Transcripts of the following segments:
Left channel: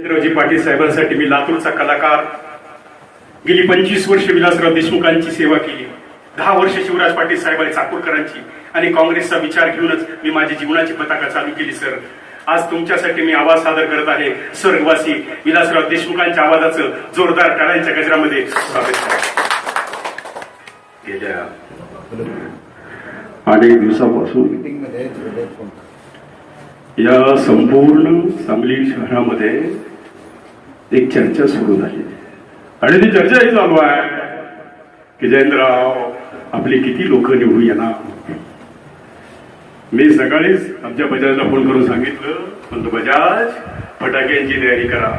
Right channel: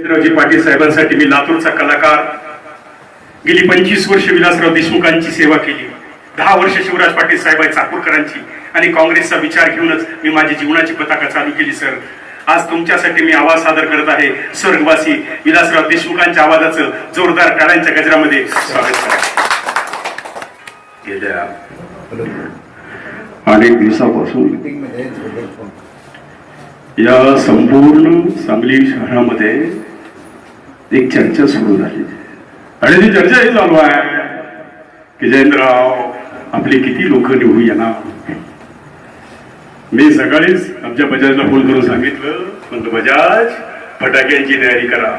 रविंद्रजी पाटील साहेबांसाठी मी लातूरचा कलाकार. गेली पंचवीस वर्ष विलासराव देशमुखांची सेवा केली. दहा वर्ष शिवराज पाटील साहेब चाकूरकरांची. आणि काँग्रेसचा विचार घेऊनच मी माझी जीवनाची पताका चालू केली सर. आज तुमच्यासाठी मी आवाज सादर करत आहे. स्वर्गवासी विलासराव देशमुखांच्या आवाजाचं जोरदार टाळ्यांच्या गजरामध्ये स्वागत गेल्या अनेक दिवसापासून या संपूर्ण सांगली शहरामध्ये एक चर्चा सुरू झाली. आणि ती चर्चा ही चालू आहे की जयंतराव आपले किती लोक निवडून येणार? मी सकाळीच आमच्या बजाजला फोन करून सांगितलं म्हणतो बजाज फटाक्यांची तयारी करा.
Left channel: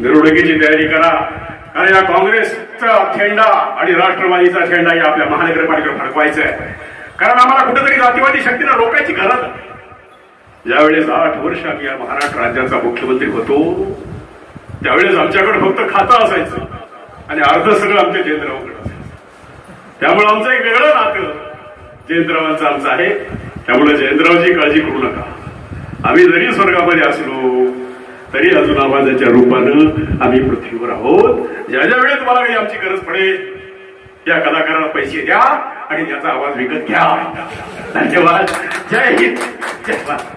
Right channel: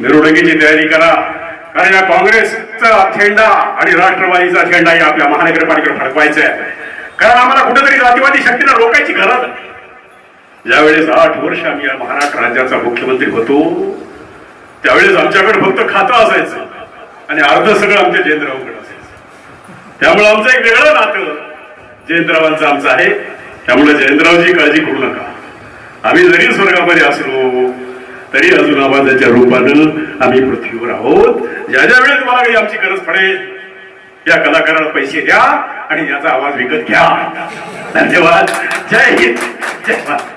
मिरवणुकीची तयारी करा. कारण या काँग्रेसचा झेंडा आणि राष्ट्रवादीचा झेंडा या आपल्या महानगरपालिकेवर फडकवायचा आहे कारण आम्हाला कुठेतरी जातीवादी शक्तीला रोखायची गरज ज्यावेळेस आठ वर्ष आम्ही या महाराष्ट्र राज्याचा मुख्यमंत्री होतो. त्यावेळेस आमच्याकडे फक्त खातं असायचं. आणि अर्ध सगळं आमच्या जयंतरावकडे असायचं. त्यामुळे आमचं एक वेगळं नातं जयंतरावांचं आमचं आहे. त्यामुळे जयंतरावची काळजी करू नका. आम्ही जरी स्वर्गामध्ये असलो तरी अजून आवाजाच्या रूपानं आम्ही पृथ्वीवर आहोत. ज्या ज्या वेळेस मला काही आमची गरज पडेल या कलाकाराला पैसे द्या आणि याचा आवाज विकत घ्या. धन्यवाद. जय हिंद. जय भारत.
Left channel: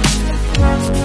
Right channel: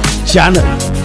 家呢？